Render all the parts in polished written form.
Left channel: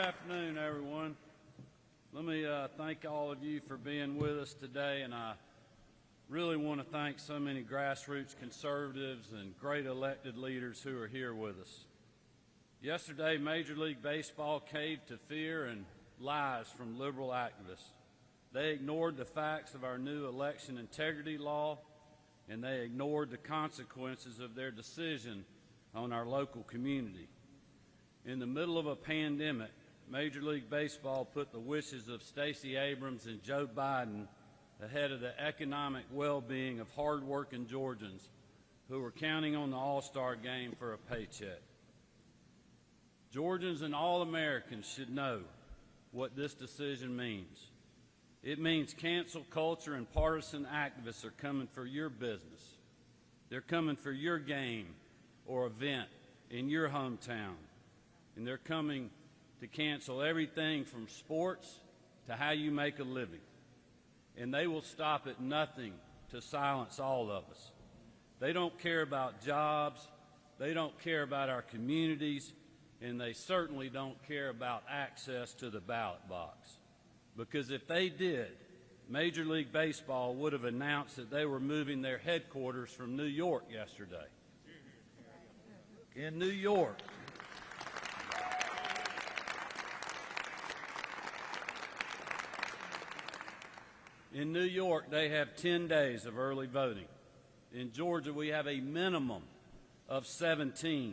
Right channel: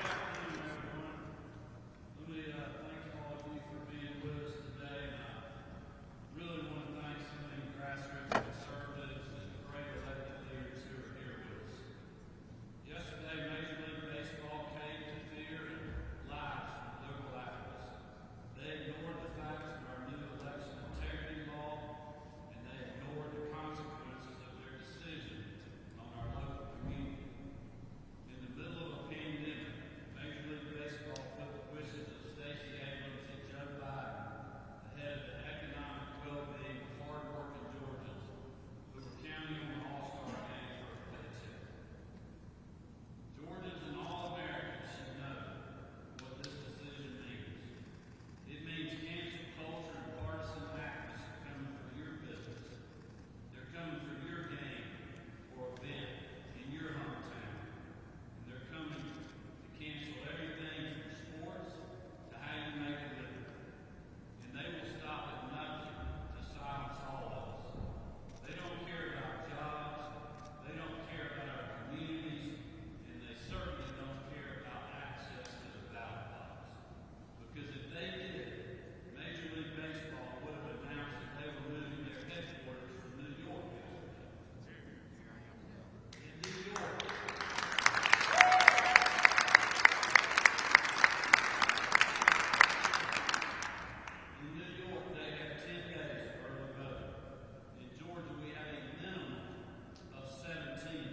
afternoon, everyone. Let me thank all of you for being with us today, and I really want to thank so many grassroots conservatives and great elected leaders who are here with us. Yesterday, Major League Baseball caved to fear and lies from liberal activists. They ignored the facts of our new election integrity law, and they ignored the consequences of their decision on our local community. In the middle of a pandemic, Major League Baseball put the wishes of Stacey Abrams and Joe Biden ahead of the economic well-being of hard-working Georgians who were counting on the All-Star game for a paycheck. Georgians and all Americans should know what this decision means. It means cancel culture and partisan activists are coming for your business. They're coming for your game or event in your hometown. And they're coming to cancel everything from sports to how you make a living. And they will stop at nothing to silence all of us. They don't care about jobs, they don't care about our communities, and they certainly don't care about access to the ballot box. Because if they did, Major League Baseball would have announced that they were moving their headquarters from New York yesterday. In New York. In New York, they have 10 days of early voting. In Georgia, we have a minimum of 17,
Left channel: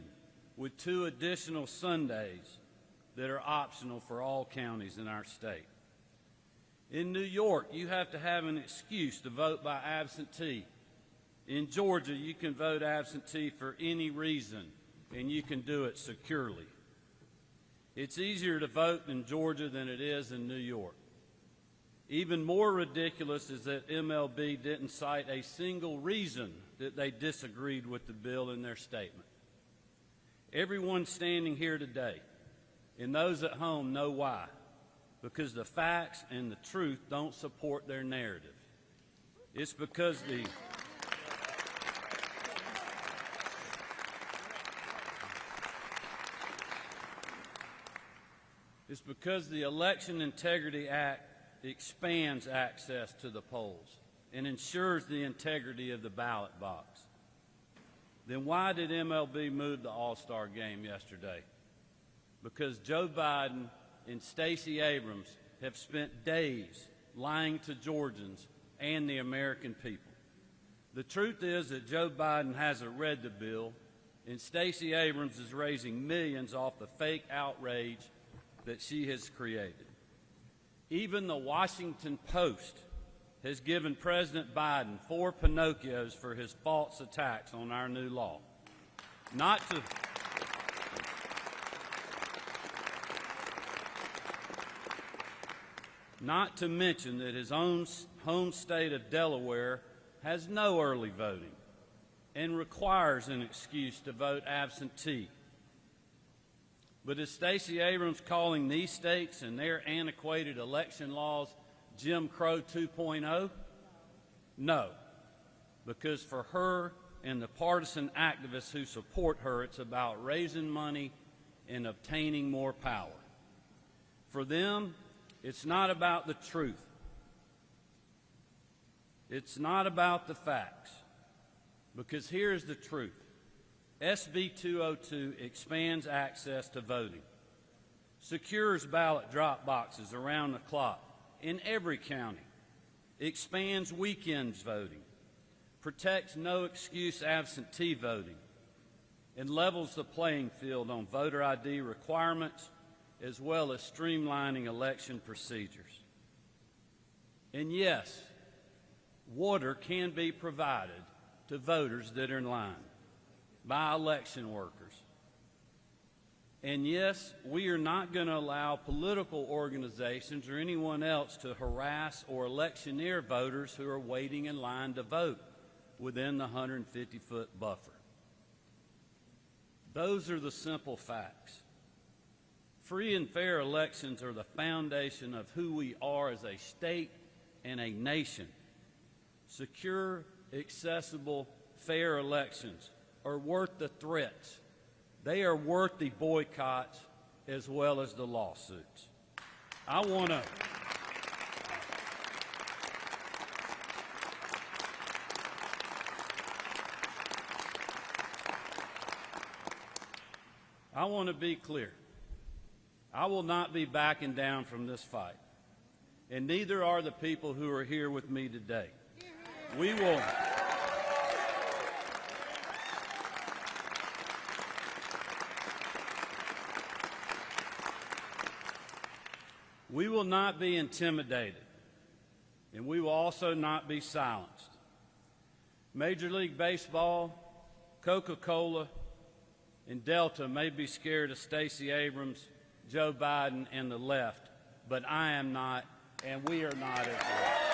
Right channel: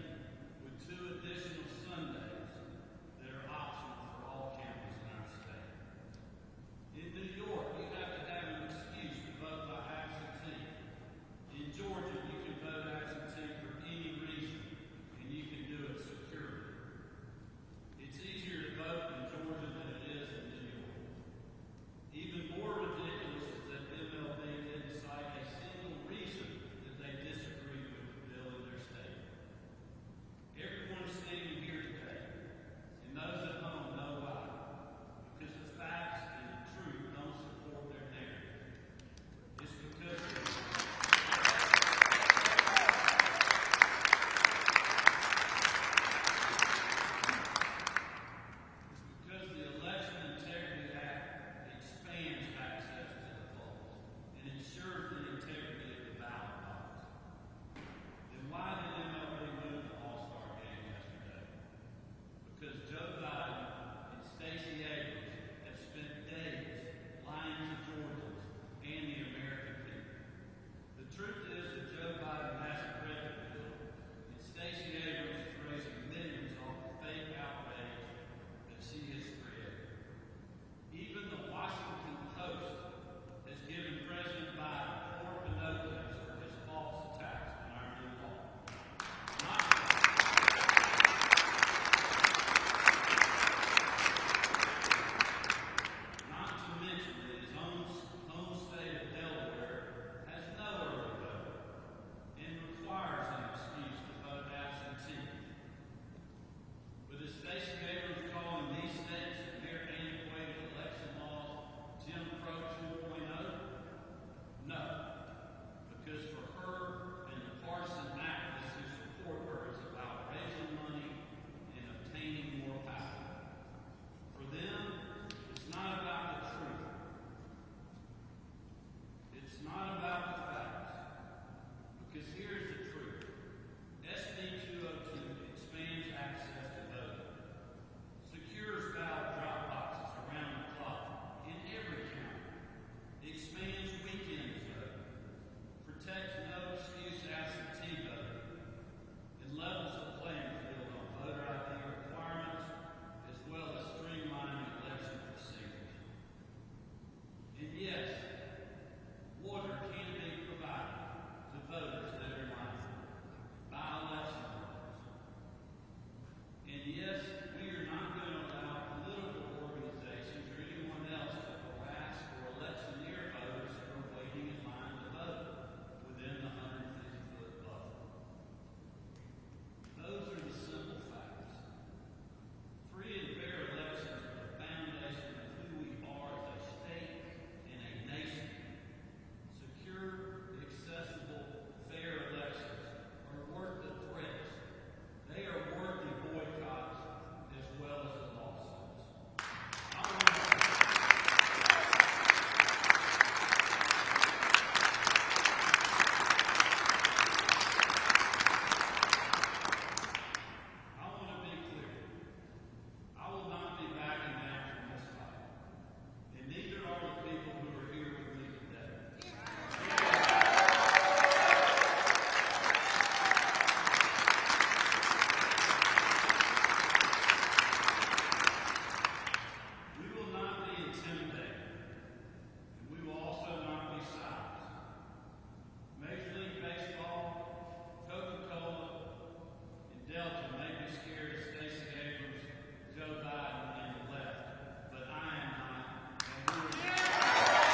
with 2 additional Sundays that are optional for all counties in our state. In New York, you have to have an excuse to vote by absentee. In Georgia, you can vote absentee for any reason, and you can do it securely. It's easier to vote in Georgia than it is in New York. Even more ridiculous is that MLB didn't cite a single reason that they disagreed with the bill in their statement. Everyone standing here today, and those at home, know why. Because the facts and the truth don't support their narrative. It's because the Election Integrity Act expands access to the polls and ensures the integrity of the ballot box. Then why did MLB move the All-Star game yesterday? Because Joe Biden and Stacey Abrams have spent days lying to Georgians and the American people. The truth is that Joe Biden hasn't read the bill, and Stacey Abrams is raising millions off the fake outrage that she has created. Even the Washington Post has given President Biden 4 Pinocchios for his false attacks on our new law. Not to mention that his own home state of Delaware has no early voting and requires an excuse to vote absentee. But is Stacey Abrams calling these states and their antiquated election laws Jim Crow 2.0? No, because for her and the partisan activists who support her, it's about raising money and obtaining more power. For them, it's not about the truth. It's not about the facts. Because here's the truth. SB 202 expands access to voting, secures ballot drop boxes around the clock in every county, expands weekends voting, protects no-excuse absentee voting, and levels the playing field on voter ID requirements, as well as streamlining election procedures. And yes, water can be provided to voters that are in line by election workers. And yes, we are not going to allow political organizations or anyone else to harass or electioneer voters who are waiting in line to vote within the 150-foot buffer. Those are the simple facts. Free and fair elections are the foundation of who we are as a state and a nation. Secure, accessible, fair elections are worth the threats. They are worth the boycotts, as well as the lawsuits. I want to be clear. I will not be backing down from this fight, and neither are the people who are here with me today. We will not be intimidated, and we will also not be silenced. Major League Baseball, Coca-Cola, and Delta may be scared of Stacey Abrams, Joe Biden, and the left, but I am not, and we are not.